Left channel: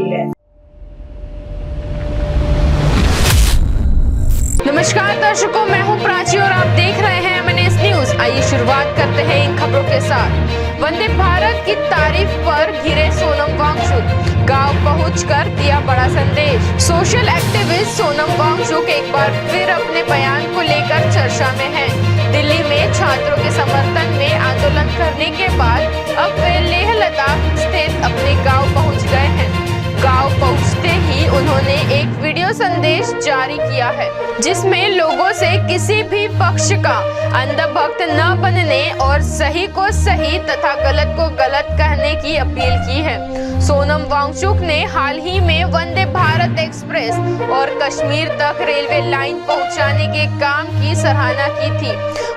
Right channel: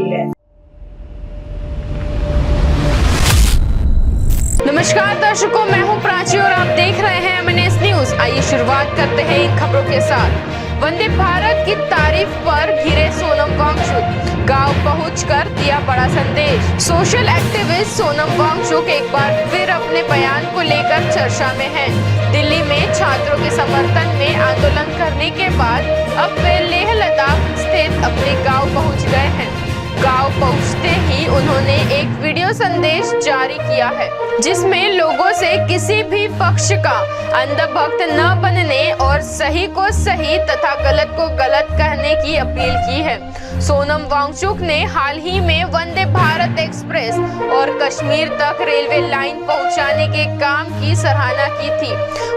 गई है। नमस्कार दर्शकों, मैं हूं प्राची और आप देख रहे हैं MNS न्यूज। आइए शुरुआत करते हैं इन खबरों के साथ। वंदे भारत की तारीफ पर घिरे सोनम वांगचुक, गांव पहुंचकर दिया बड़ा संदेश। सोशल एक्टिविस्ट सोनम वांगचुक एक बार फिर अपने बयान को लेकर चर्चा में हैं। दिल्ली में छात्रों के समर्थन में आंदोलन करने के बाद अब वे लेह लद्दाख स्थित अपने गांव पहुंच गए हैं। गांव पहुंचते ही उन्होंने एक वीडियो संदेश जारी किया है, जिसमें लोगों से किसी भी पक्ष का अंधभक्त न बनने और सही को सही तथा गलत को गलत कहने की अपील की है। सोनम वांगचुक ने हाल ही में वंदे भारत एक्सप्रेस और कश्मीर तक रेलवे लाइन पहुंचाने के काम की सराहना की थी।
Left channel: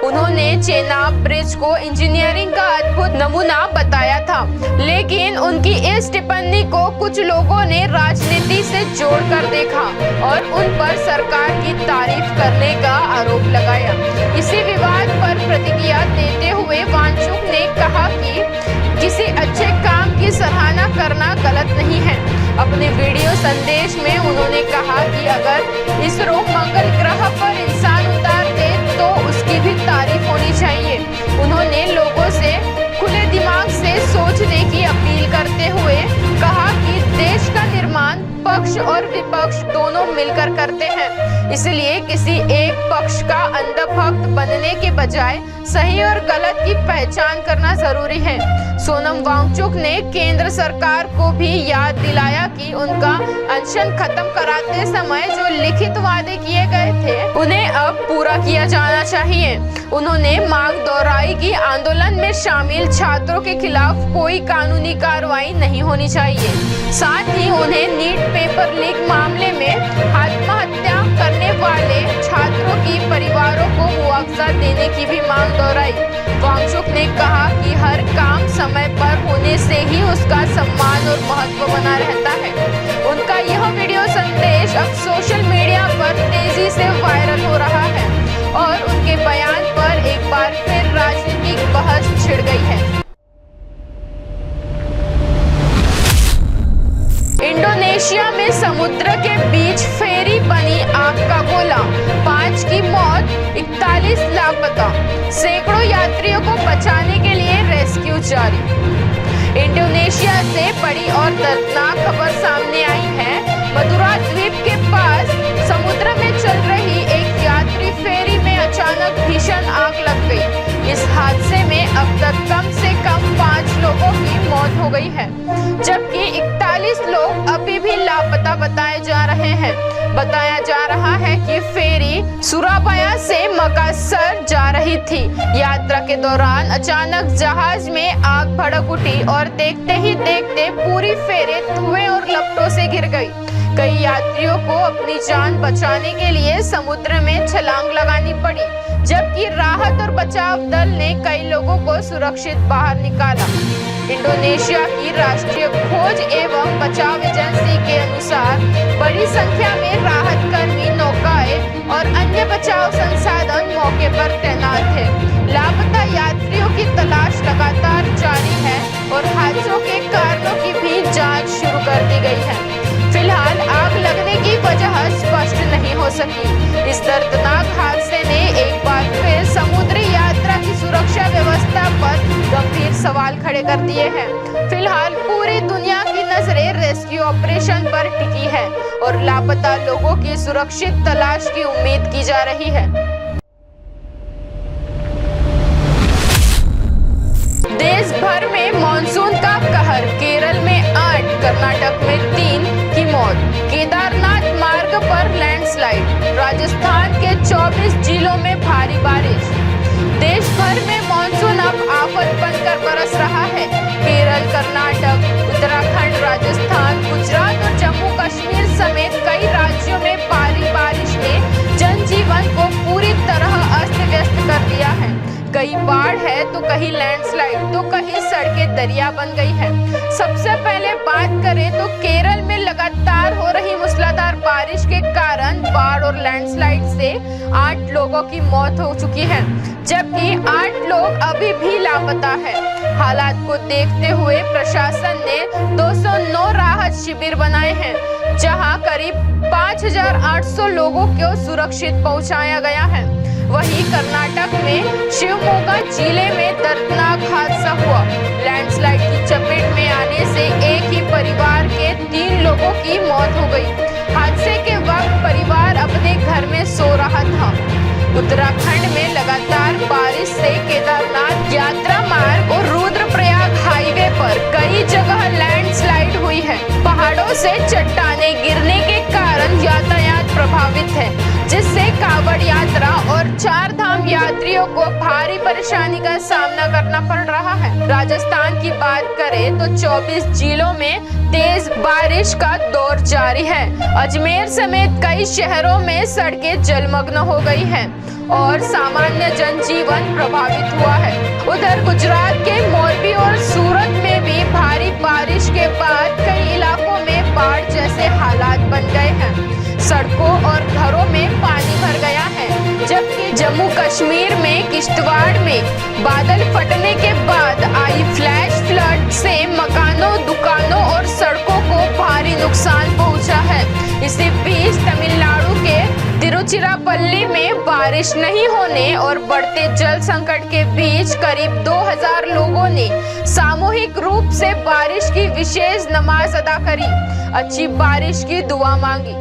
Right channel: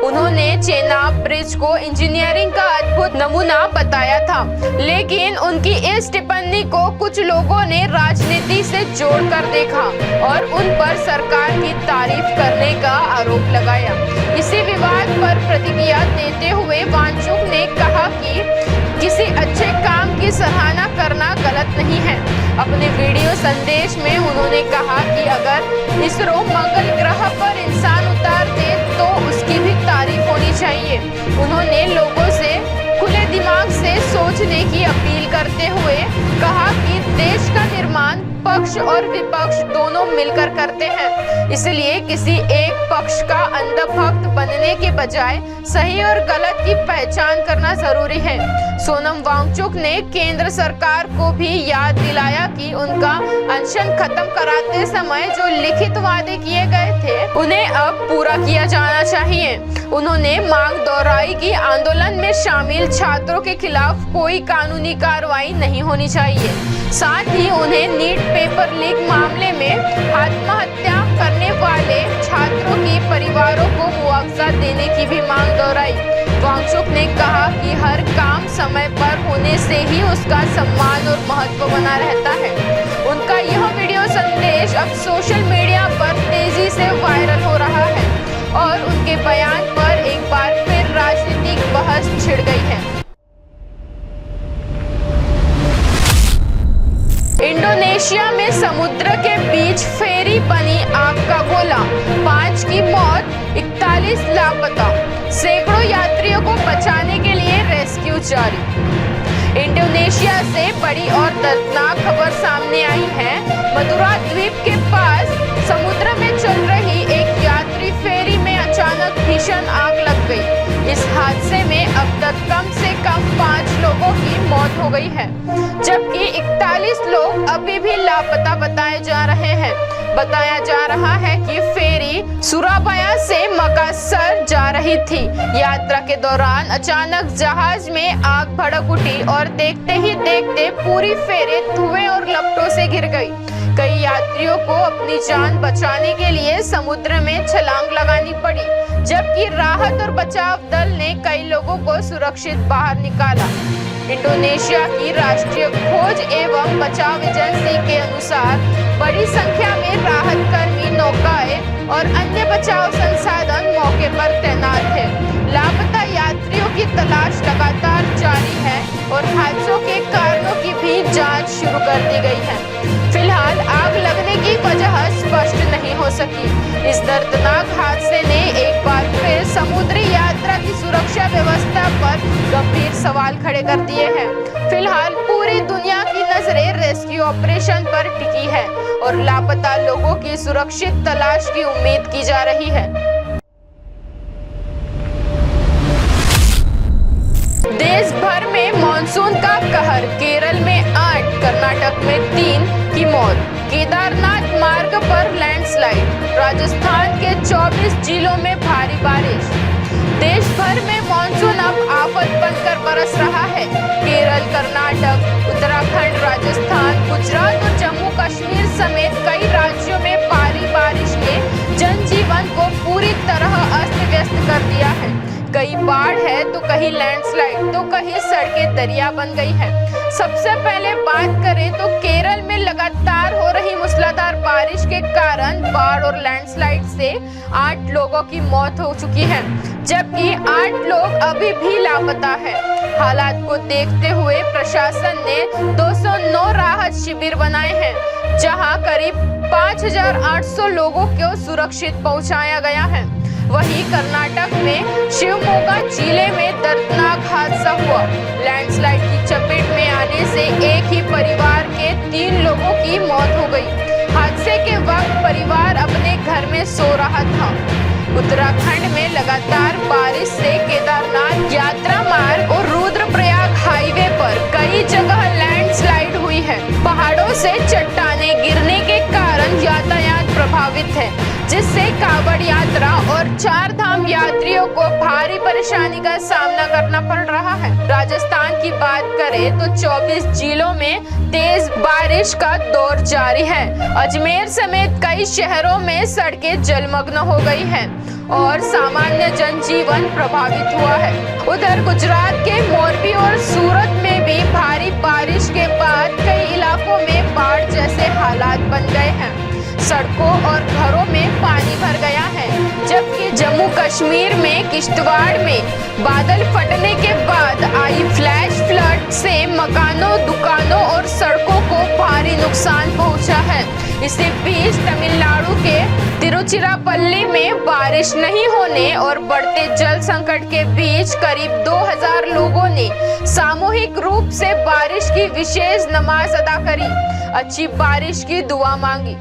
उन्होंने चेनाब ब्रिज को इंजीनियरिंग का अद्भुत नमूना बताया था, लेकिन उनकी इस टिप्पणी को कुछ लोगों ने राजनीति से जोड़कर देखा और उन पर सरकार की तारीफ करने का आरोप लगाया। इसी विवाद पर प्रतिक्रिया देते हुए वांगचुक ने कहा कि किसी अच्छे काम की सराहना करना गलत नहीं है। अपने वीडियो संदेश में उन्होंने कहा कि अगर इसरो मंगल ग्रह पर इंसान उतार दे तो उसकी भी तारीफ होनी चाहिए। उन्होंने लोगों से खुले दिमाग से सोचने की अपील करते हुए कहा कि देश का निर्माण पक्ष और विपक्ष दोनों मिलकर करते हैं, इसलिए किसी एक पक्ष का अंधभक्त बनने के बजाय सही और गलत की पहचान करना जरूरी है। सोनम वांगचुक ने केंद्र सरकार को भी याद दिलाया कि उनका अनशन खत्म कराते समय जो लिखित वादे किए गए थे उन्हें अब पूरा किया जाना चाहिए। उन्होंने मांग दोहराई कि आंदोलन में शामिल छात्रों के खिलाफ कोई कानूनी कार्रवाई नहीं होनी चाहिए। साथ ही उन्हें नीट पेपर लीक मामले में आत्महत्या करने वाले छात्रों की परिवारों को मुआवजा देने की भी मांग दोहराई। वांगचुक ने कहा कि हर काम समय पर होने से ही उसका सम्मान और महत्व बना रहता है। उनका यह वीडियो संदेश अब सोशल मीडिया पर तेजी से वायरल हो रहा है और उनके बयान पर एक बार फिर राजनीतिक बहस छिड़ गई है। इंडोनेशिया में समुद्र के बीच फेरी बनी आग का गोला, 5 की मौत, 41 लापता, सैकड़ों यात्रियों को बचाने के लिए रेस्क्यू जारी। इंडोनेशिया से बड़ी और दर्दनाक खबर सामने आई है। मदुरा द्वीप के पास समुद्र में चल रही एक यात्री फेरी में अचानक भीषण आग लग गई। इस हादसे में अब तक कम से कम 5 लोगों की मौत हो गई है, जबकि 41 लोग अभी भी लापता बताए जा रहे हैं। बताया जा रहा है कि फेरी सुराबाया से मकासर जा रही थी। यात्रा के दौरान अचानक जहाज में आग भड़क उठी और देखते ही देखते पूरी फेरी धुएं और लपटों से घिर गई। कई यात्रियों को अपनी जान बचाने के लिए समुद्र में छलांग लगानी पड़ी, जबकि राहत और बचाव दल ने कई लोगों को सुरक्षित बाहर निकाला। इंडोनेशिया की राष्ट्रीय खोज एवं बचाव एजेंसी के अनुसार बड़ी संख्या में राहत कर्मी, नौकाएं और अन्य बचाव संसाधन मौके पर तैनात है। लापता यात्रियों की तलाश लगातार जारी है और हादसों के कारणों की भी जांच शुरू कर दी गई है। फिलहाल आग लगने की वजह स्पष्ट नहीं हो सकी। इस दर्दनाक हादसे ने एक बार फिर समुद्री यात्रा की सुरक्षा व्यवस्था पर गंभीर सवाल खड़े कर दिए हैं। फिलहाल पूरी दुनिया की नजरें रेस्क्यू ऑपरेशन पर टिकी है और लापता लोगों की सुरक्षित तलाश की उम्मीद की जा रही है। देश भर में मानसून का कहर, केरल में 8, कर्नाटक में 3 की मौत, केदारनाथ मार्ग पर लैंडस्लाइड, राजस्थान के 24 जिलों में भारी बारिश। देश भर में मानसून अब आफत बनकर बरस रहा है। केरल, कर्नाटक, उत्तराखंड, राजस्थान, गुजरात और जम्मू कश्मीर समेत कई राज्यों में भारी बारिश ने जनजीवन को पूरी तरह अस्त व्यस्त कर दिया है। कहीं बाढ़ है तो कहीं लैंडस्लाइड, तो कहीं सड़कें दरिया बन गई है। सबसे पहले बात करें तो केरल में लगातार हो रही मूसलाधार बारिश के कारण बाढ़ और लैंडस्लाइड से 8 लोगों की मौत हो चुकी है, जबकि 8 लोग अभी भी लापता है। हालात को देखते हुए प्रशासन ने 209 राहत शिविर बनाए हैं, जहां करीब 5,800 लोगों को सुरक्षित पहुंचाया गया है। वहीं कर्नाटक में शिवमोगा जिले में दर्दनाक हादसा हुआ। लैंडस्लाइड की चपेट में आने से एक ही परिवार के 3 लोगों की मौत हो गई। हादसे के वक्त परिवार अपने घर में सो रहा था। उत्तराखंड में लगातार बारिश से केदारनाथ यात्रा मार्ग और रुद्रप्रयाग हाईवे पर कई जगह लैंडस्लाइड हुई है। पहाड़ों से चट्टानें गिरने के कारण यातायात प्रभावित है, जिससे कांवड़ यात्रा और 4 धाम यात्रियों को भारी परेशानी का सामना करना पड़ रहा है। राजस्थान की बात करें तो 24 जिलों में तेज बारिश का दौर जारी है। अजमेर समेत कई शहरों में सड़कें जलमग्न हो गई हैं और सामान्य जनजीवन प्रभावित हुआ है। उधर गुजरात के मोरबी और सूरत में भी भारी बारिश के बाद कई इलाकों में बाढ़ जैसे हालात बन गए हैं। सड़कों और घरों में पानी भर गया है, जबकि जम्मू कश्मीर में किश्तवाड़ में बादल फटने के बाद आई फ्लैश फ्लड से मकानों, दुकानों और सड़कों को भारी नुकसान पहुंचा है। इसी बीच तमिलनाडु के तिरुचिरापल्ली में बारिश नहीं होने और बढ़ते जल संकट के बीच करीब 2000 लोगों ने सामूहिक रूप से बारिश की विशेष नमाज अदा करी, अच्छी बारिश की दुआ मांगी।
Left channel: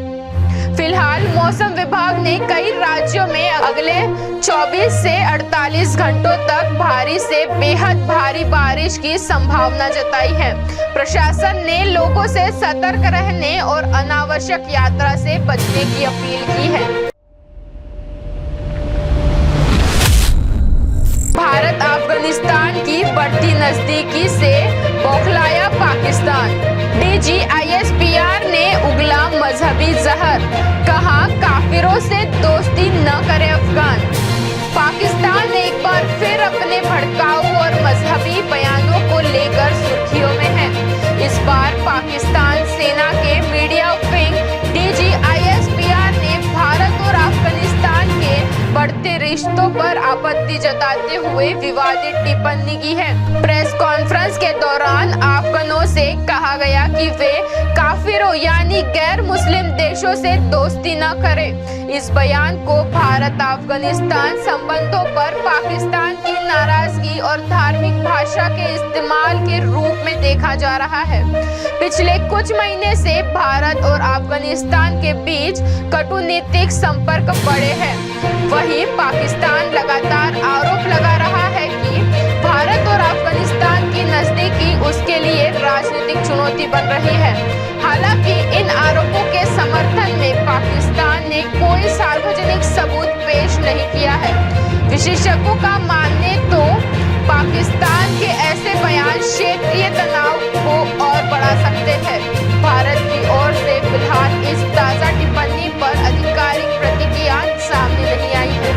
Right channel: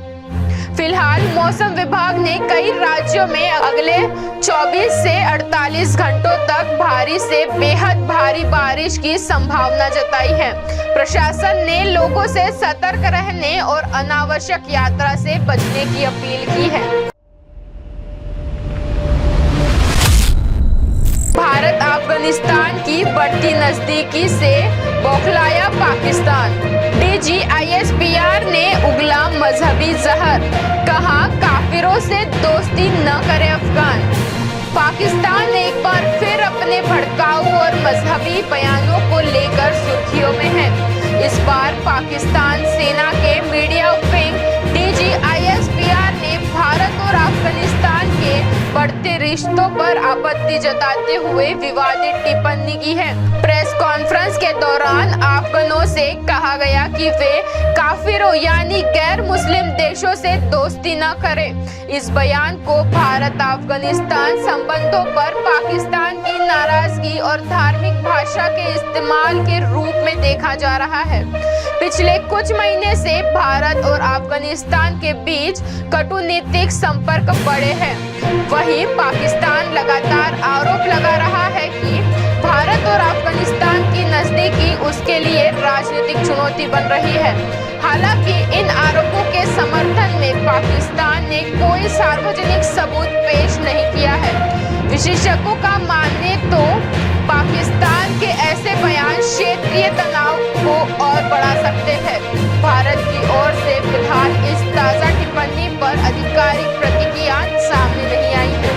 फिलहाल मौसम विभाग ने कई राज्यों में अगले 24 से 48 घंटों तक भारी से बेहद भारी बारिश की संभावना जताई है। प्रशासन ने लोगों से सतर्क रहने और अनावश्यक यात्रा से बचने की अपील की है। भारत अफगानिस्तान की बढ़ती नजदीकी से बौखलाया पाकिस्तान। DGISPR ने उगला मजहबी जहर, कहा काफिरों से दोस्ती न करे अफगान। पाकिस्तान एक बार फिर अपने भड़काऊ और मजहबी बयानों को लेकर सुर्खियों में है। इस बार पाकिस्तान सेना के मीडिया विंग DGISPR ने भारत और अफगानिस्तान के बढ़ते रिश्तों पर आपत्ति जताते हुए विवादित टिप्पणी की है। प्रेस कॉन्फ्रेंस के दौरान अफगानों से कहा गया कि वे काफिरों यानी गैर मुस्लिम देशों से दोस्ती न करें। इस बयान को भारत अफगानिस्तान संबंधों पर पाकिस्तान की नाराजगी और धार्मिक भाषा के इस्तेमाल के रूप में देखा जा रहा है। पिछले कुछ महीने से भारत और अफगानिस्तान के बीच कूटनीतिक संपर्क बढ़े हैं। वहीं पाकिस्तान लगातार आरोप लगा रहा है कि भारत और अफगानिस्तान की नजदीकी उसके लिए राजनीतिक चुनौती बन रही है। हालांकि इन आरोपों के समर्थन में पाकिस्तान ने कोई सार्वजनिक सबूत पेश नहीं किया है। विशेषज्ञों का मानने तो पाकिस्तान के ऐसे बयान क्षेत्रीय तनाव को और बढ़ा सकते हैं। भारत की ओर से फिलहाल इस ताजा टिप्पणी पर आधिकारिक प्रतिक्रिया सामने नहीं आई है।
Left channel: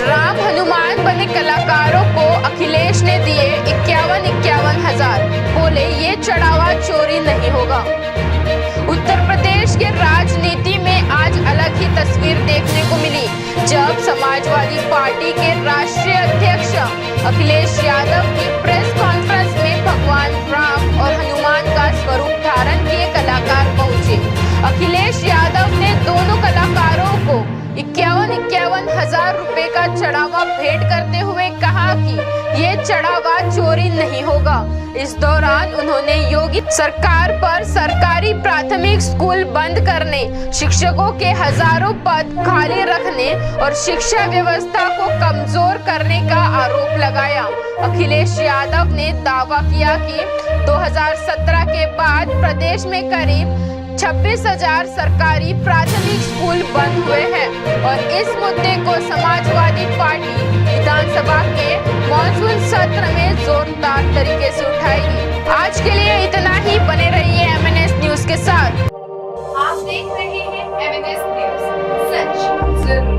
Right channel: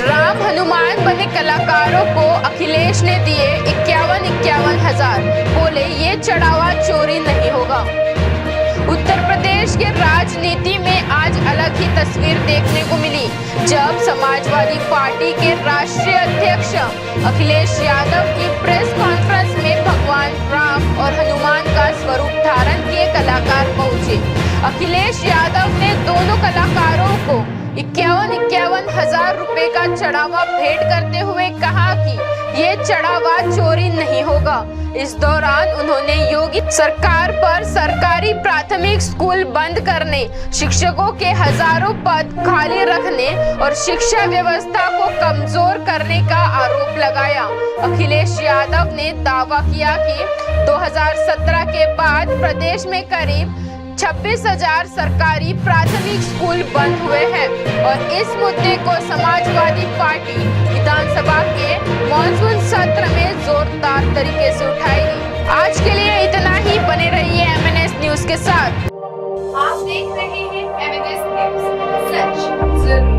राम हनुमान बने कलाकारों को अखिलेश ने दिए 51 हजार, बोले ये चढ़ावा चोरी नहीं होगा। उत्तर प्रदेश के राजनीति में आज अलग ही तस्वीर देखने को मिली, जब समाजवादी पार्टी के राष्ट्रीय अध्यक्ष अखिलेश यादव की प्रेस कॉन्फ्रेंस में भगवान राम और हनुमान का स्वरूप धारण किए कलाकार पहुंचे। अखिलेश यादव ने दोनों कलाकारों को 51 हजार रुपए का चढ़ावा भेंट करते हुए कहा कि ये चढ़ावा चोरी नहीं होगा। इस दौरान उन्होंने योगी सरकार पर सरकारी प्राथमिक स्कूल बंद करने, शिक्षकों के हजारों पद खाली रखने और शिक्षा व्यवस्था को कमजोर करने का आरोप लगाया। अखिलेश यादव ने दावा किया कि 2017 के बाद प्रदेश में करीब 26,000 सरकारी प्राथमिक स्कूल बंद हुए हैं और इस मुद्दे को समाजवादी पार्टी विधानसभा के मॉनसून सत्र में जोरदार तरीके से उठाएगी। आज के लिए इतना ही, बने रहिए MNS न्यूज के साथ। आप देख रहे हैं MNS न्यूज, सच जरूर।